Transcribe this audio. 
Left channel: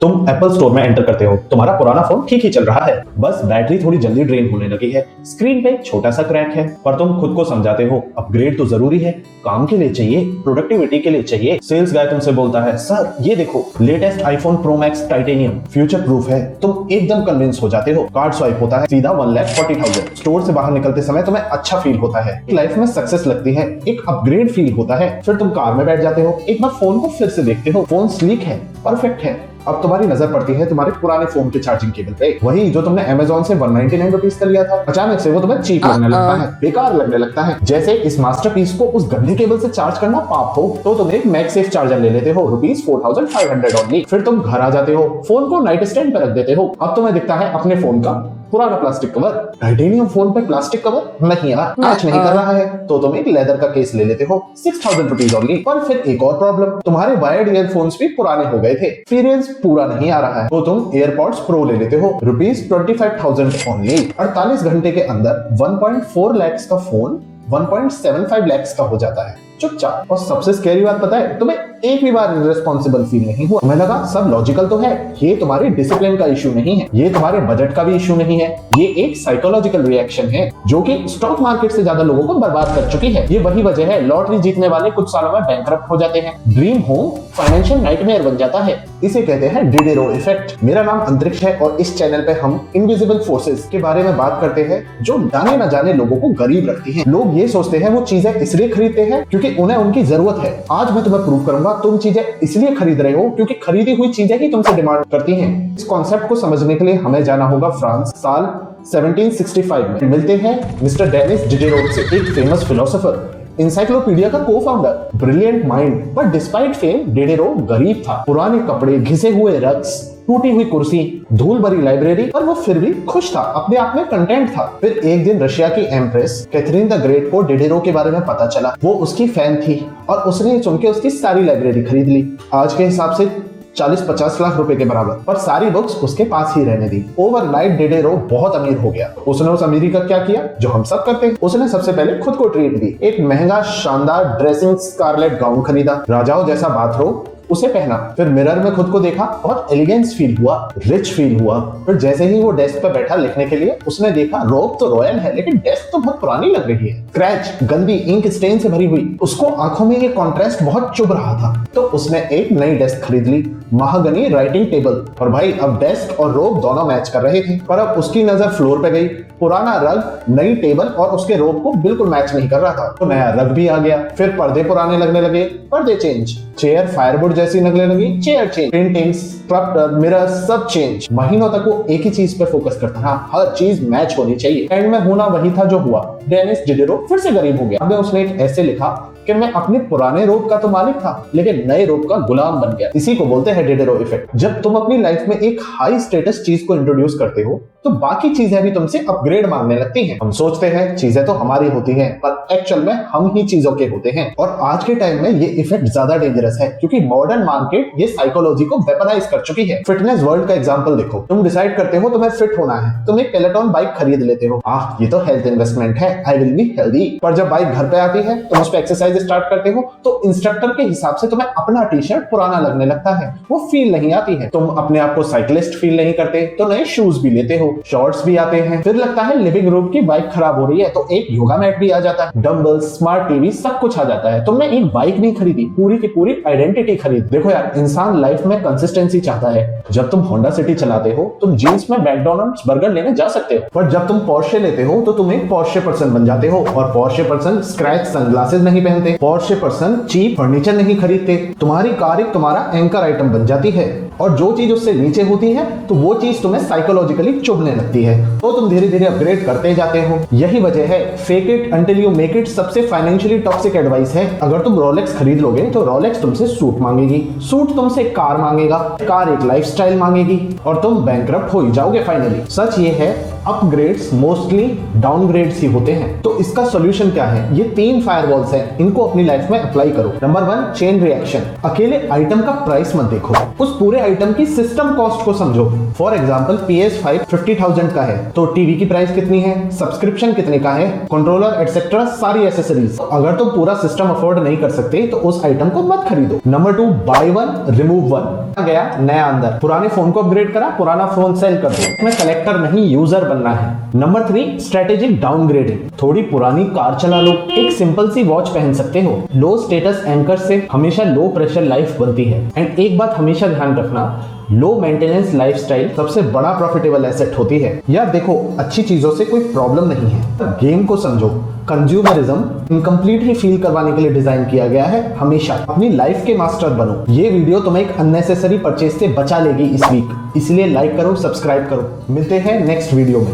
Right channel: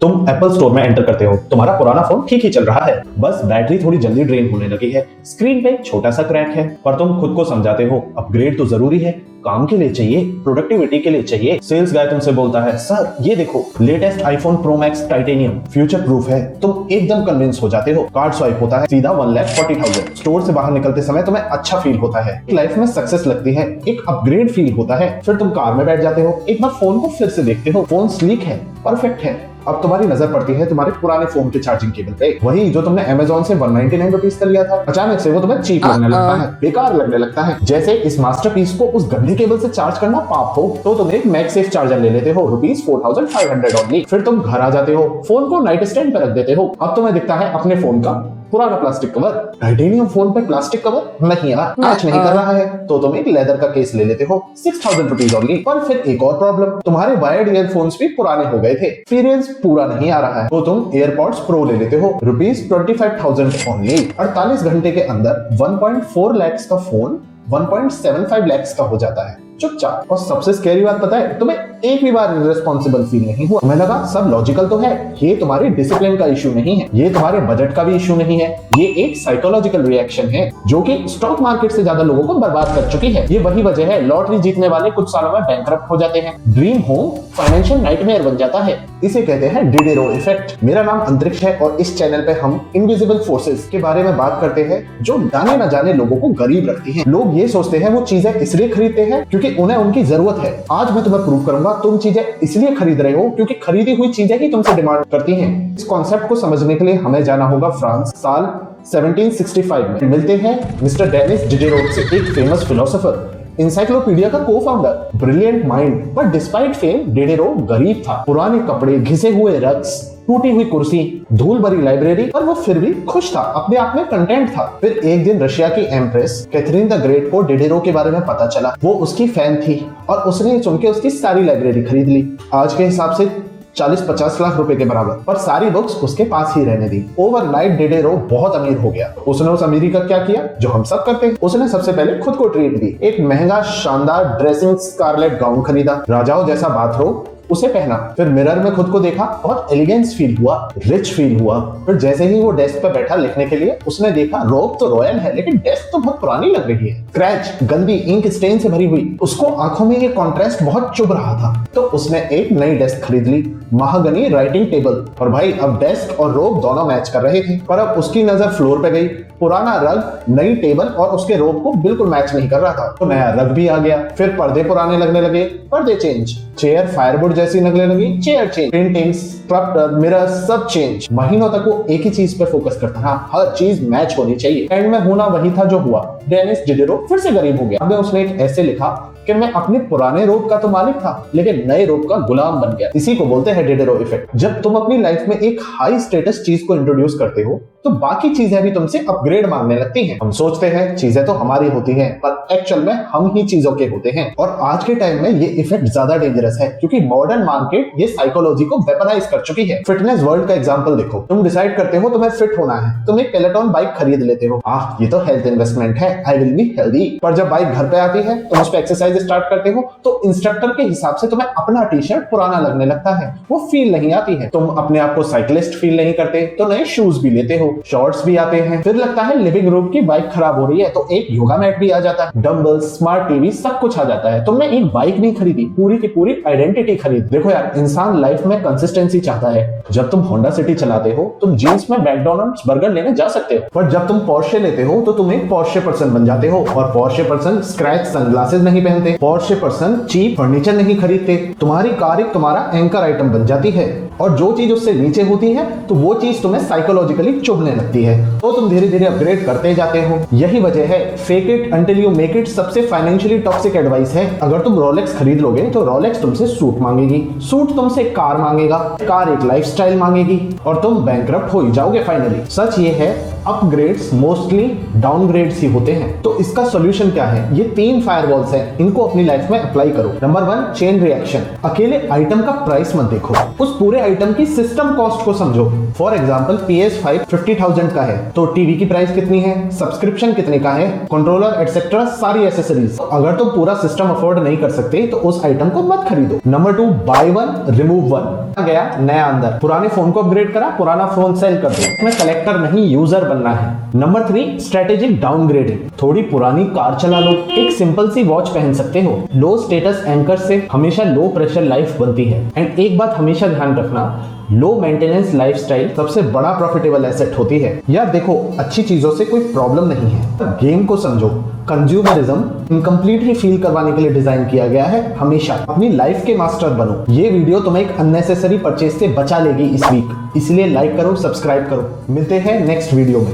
तुम Apple store में enter करते हो, तुम्हारा पुराना फोन ठीक ही चल रहा है, बस बैटरी थोड़ी जल्दी ड्रेन होने लगी है, स्क्रीन पे छोटा सा क्रैक है, पर तुम खुद को समझाते हो अपग्रेड तो जरूरी है, काम के लिए चाहिए, प्रोडक्टिविटी के लिए चाहिए। सेल्स गाय तुमसे बोलता है, सर ये देखो latest iPhone pro max titanium future proof है। तुम एकदम कन्विंस हो जाते हो, कार्ड स्वाइप होता है, सीधा 1,40,000। स्टोर से बाहर निकलते समय तुम्हें अच्छा फील होता है, लाइफ में सक्सेस लगती है, एक अपग्रेड फील होता है। फिर तुम कार में बैठ जाते हो, एक बार फोन को फिर से देखते हो, फोन स्लीक है, परफेक्ट है। अब तुम्हारी नजर पड़ती है तुम्हारे पुराने फोन के चार्जिंग केबल पे, वही जो तुमने अमेज़न से 199 रुपीज का लिया था। अचानक से वो तुम्हें चीप लगने लगता है, बेकार लगने लगता है, जैसे इस मास्टरपीस को उस गंदे केबल से चार्ज करना पाप हो। तो तुम एक मैगसेफ चार्जर ले लेते हो, ₹4,500 ओनली। फिर तुम घर आ जाते हो, फोन को नाइट स्टैंड पर रख देते हो। अब तुम्हें दिखता है अपने फोन का पुराना प्लास्टिक कवर। टाइटेनियम फोन पे प्लास्टिक कवर नहीं यार, मैच नहीं कर रहा है। तो तुम एक लेदर का केस ले लेते हो, 6,000 रुपीज ओनली। पर फिर एक और प्रॉब्लम, तुम्हारे वायर्ड ईयरफोन्स भी पुराने हो गए थे, एक्सपीरियंस पूरा नहीं आ रहा है। तो तुम एयरपॉड्स प्रो ले लेते हो, ₹25,000 ओनली। 48 घंटे के अंदर 1.4 लाख का फोन 1.75 लाख का हो जाता है चुपचाप। और सबसे स्कैरी बात पता है, तुम्हें एक भी बार रिस्पॉन्सिबल फील नहीं हुआ। तुम्हें लगा सब लॉजिकल तो है, ये तुम्हारे डिसिप्लिन का इशू नहीं है, ये तुम्हारे बजट का भी इशू नहीं है, ये एक साइकोलॉजिकल रिएक्शन है जो कि स्टॉक मार्केट से ज्यादा लोगों को बर्बाद कर चुकी है। ये वही वजह है लॉटरी जीतने वाले कुछ सालों में बैंकरप्ट हो जाते हैं, ड्रीम होम फाइनेंशियल नाइटमेयर बन जाता है। इसे कहते हैं डिडेरो इफेक्ट। मेरा नाम अंतरिक्ष है और इस चैनल पे हम इनविजिबल फोर्सेस के बारे में बात करते हैं जो जाने न जाने लोगों को गरीब रखती हैं। लोग ये सोचते हैं वो चीजें इसलिए खरीदते हैं क्योंकि उन्हें उनकी जरूरत है। आज मैं तुम्हें प्रूव करूंगा तुम चीजें इसलिए खरीद रहे हो क्योंकि खरीदी हुई चीजें ही तुमसे डिमांड करती हैं। इस कॉन्सेप्ट को समझने के लिए हमें जाना होगा फ्रांस, साल 1765 में। मिलते हैं मिस्टर डेनिस डिडेरोट से, एक फेमस फिलोसोफर, इंसाइक्लोपीडिया का को-फाउंडर, ब्रिलियंट माइंड। पर डिस्पाइट फेम डिडेरो गरीब था, पुराने कपड़े, घिसे हुए रग्स, टूटी हुई कुर्सी, धूल भरी लाइब्रेरी, पर वो फिर भी खुश था, अपने आप में कंटेंट था। फिर एक दिन रशिया की एम्प्रेस कैथरीन द ग्रेट को डिडेरो के बारे में पता चला। वो उसकी फैन थी और उसने सुन के उसकी सारी लाइब्रेरी खरीद ली, आज के हिसाब से 40-50 लाख रुपए के बराबर। पर सारी बुक्स उसके पास ही रहने दी। ओवरनाइट डिडेरो बहुत अमीर हो गया। उसने उस अमीरी का क्या किया जो हम सब करते हैं, उसने सबसे पहले खुद को ट्रीट दी। एक महंगा शानदार ड्रेसिंग स्कारलेट गाउन खरीदा, राजाओं जैसा बाथरोब उसे पहना, फिर मिरर में खुद को देखा, बहुत एलिगेंस फील हुआ, रिच फील हुआ। फिर जैसे ही वो डेस्क पर बैठा लिखने के लिए, उसने देखा रोब तो रॉयल है लेकिन डेस्क तो बहुत पुरानी लग रही है, स्क्रैच, गंदी इंक स्टेन से भरी हुई। उसको आंखों में ये कॉन्ट्रास्ट बहुत चुभ रहा था, तो उसने एक नई डेस्क खरीद ली, महागनी राइटिंग टेबल। और भाई अब डेस्क और रोब दोनों मैच कर रहे थे। पर अब उसकी नजर फ्लोर पे गई, पुराना रग नई टेबल और उसके रोब को बिल्कुल मैच नहीं कर रहा था, तो नया रग भी आ गया। फिर पर्दे पुराने लगने लगे, पर्दे चेंज, चेयर फायरवुड जैसी लगने लगी, chair change, paintings, sculpture, mirror सब चेंज। महीनों तक वो एक ही चीज पे फोकस करता था, हर चीज मैच होनी चाहिए। एंड में होना वही था जो हुआ, डेनिस डिडेरो फिर से गरीब हो गया। अब उसने एक ऐसे लिखा कि मैं अपने पुराने रोब का तो मालिक था लेकिन नए रोब का गुलाम बन गया। इसी को बोलते हैं डिडेरो इफेक्ट। जब तुम अपनी लाइफ में एक हाई स्टेटस चीज को इंट्रोड्यूस करते हो तो बाकी चीजें भी तुमसे अपग्रेड मांगने लगती हैं। हम सोचते हैं चीजें तो हमारी होती हैं, पर एक्चुअल में हम ही चीजों के होते हैं। और आज के टाइम में ये इफेक्ट ज्यादा डेंजरस है क्योंकि मॉडर्न मार्केट ये साइकोलॉजी को वेपनाइज कर चुकी है। फिटनेस वर्ल्ड का एग्जांपल देखो, तुम डिसाइड करते हो तुम्हें फिट होना है, तुम एक पेलेटॉन बाइक खरीद लेते हो, ये तो हेल्थ इन्वेस्टमेंट है, आई विल बी हेल्दी। पर जब बाइक घर पे आती है, तुम उस पे एक्सरसाइज स्टार्ट करते हो तो इंस्ट्रक्टर के हिसाब से तुम्हें अपना टी शर्ट पुराना लगने लगता है, वो फील नहीं आती है। तुम अपने आप को साइकिलिस्ट फील नहीं करते तो नए शूज भी लेते हो, शॉर्ट्स भी आते हैं। फिर लगता है लिविंग रूम की बाइक खराब हो रही है तो एक योगा मैट भी आ जाता है, डंबल, स्मार्ट टीवी, सब कुछ आ जाता है। तुमने एक बाइक नहीं खरीदी, पूरी की पूरी आइडेंटिटी खरीद। देखो यार, इंसान लाइफ में कंसिस्टेंसी चाहता है। जब तुम होंडा सिटी चलाते हो तुम जींस में मैकडॉनल्ड्स बर्गर लेने जा सकते हो, पर जब तुम पोर्शे लेते हो तो तुम एक पोर्शे पर्सन बन जाते हो। और पोर्शे पर्सन स्क्रैच सनग्लासेस नहीं पहनते, पोर्शे पर्सन चीप फर्नीचर नहीं खरीदते। तुम्हारी कार एक तुम्हारा एंकर आइटम बन जाती है और जो चीज उससे नीचे होती है तो वो चीज तुम्हें साइकोलॉजिकली चुभने लगती है, तो तुम धीरे धीरे अपग्रेड करते जाते हो। यही वजह है fake it until you make it सबसे फाइनेंशियली टॉक्सिक एडवाइस है। अगर तुम रोलेक्स खरीद लोगे तो रोलेक्स तुमसे सूट मांगेगी, सूट तुमसे कार मांगेगा, कार एक लाइफस्टाइल मांगेगी और तुम बैंकरप्ट हो ही जाओगे फाइनली। सच ये है अपग्रेड्स मोस्टली डाउनग्रेड्स ही होते हैं। तो इसका सॉल्यूशन क्या है? ये 3 फायरवॉल्स हैं, इनको अपनी लाइफ में अप्लाई करो। Number 1, chain reaction. अकेले आइटम का प्राइस मत देखो, उस पूरे आइटम की सिस्टम कॉस्ट को समझो। फॉर एग्जांपल PS5 50,000 का है तो टीवी की प्राइस कितनी है, सब्सक्रिप्शन कितने का है, कंट्रोलर एटसेट्रा सारी एसेसरीज। अगर तुम पूरा सिस्टम अफोर्ड नहीं कर सकते तो उस आइटम को मत खरीदो। Number 2, by one remove one. गया नया अंदर, पुराने फोन को अपग्रेड करा, पुराना फोन सेल कर दो। इसमें कलेक्टर नहीं यूजर बनना है। Number 3, strategic downgrading. थोड़ी पुरानी कार चला लो, एक सिंपल सी वॉच पहन सकते हो। लो स्टेटस एंकर से हमेशा लो प्रेशर लाइफ बनती है। एंड एक बात हमेशा ध्यान रखना, लो मेंटेनेंस लाइफस्टाइल सबसे बड़ा प्रॉफिटेबल एसेट होती है। यार देखो, अच्छी चीजों से कोई प्रॉब्लम नहीं है, गेम को समझो। कंज्यूमरिज्म इनकम्प्लीट ही फील करवाने के लिए डिजाइन किया गया है। हमेशा अपनी लाइफ के मास्टर बनो। ये वीडियो तुम्हें एक अननेसेसरी परचेज से बचा लेगी इस वीक, इसलिए लाइक करो, सब्सक्राइब करो। मिलते हैं नेक्स्ट वीडियो में।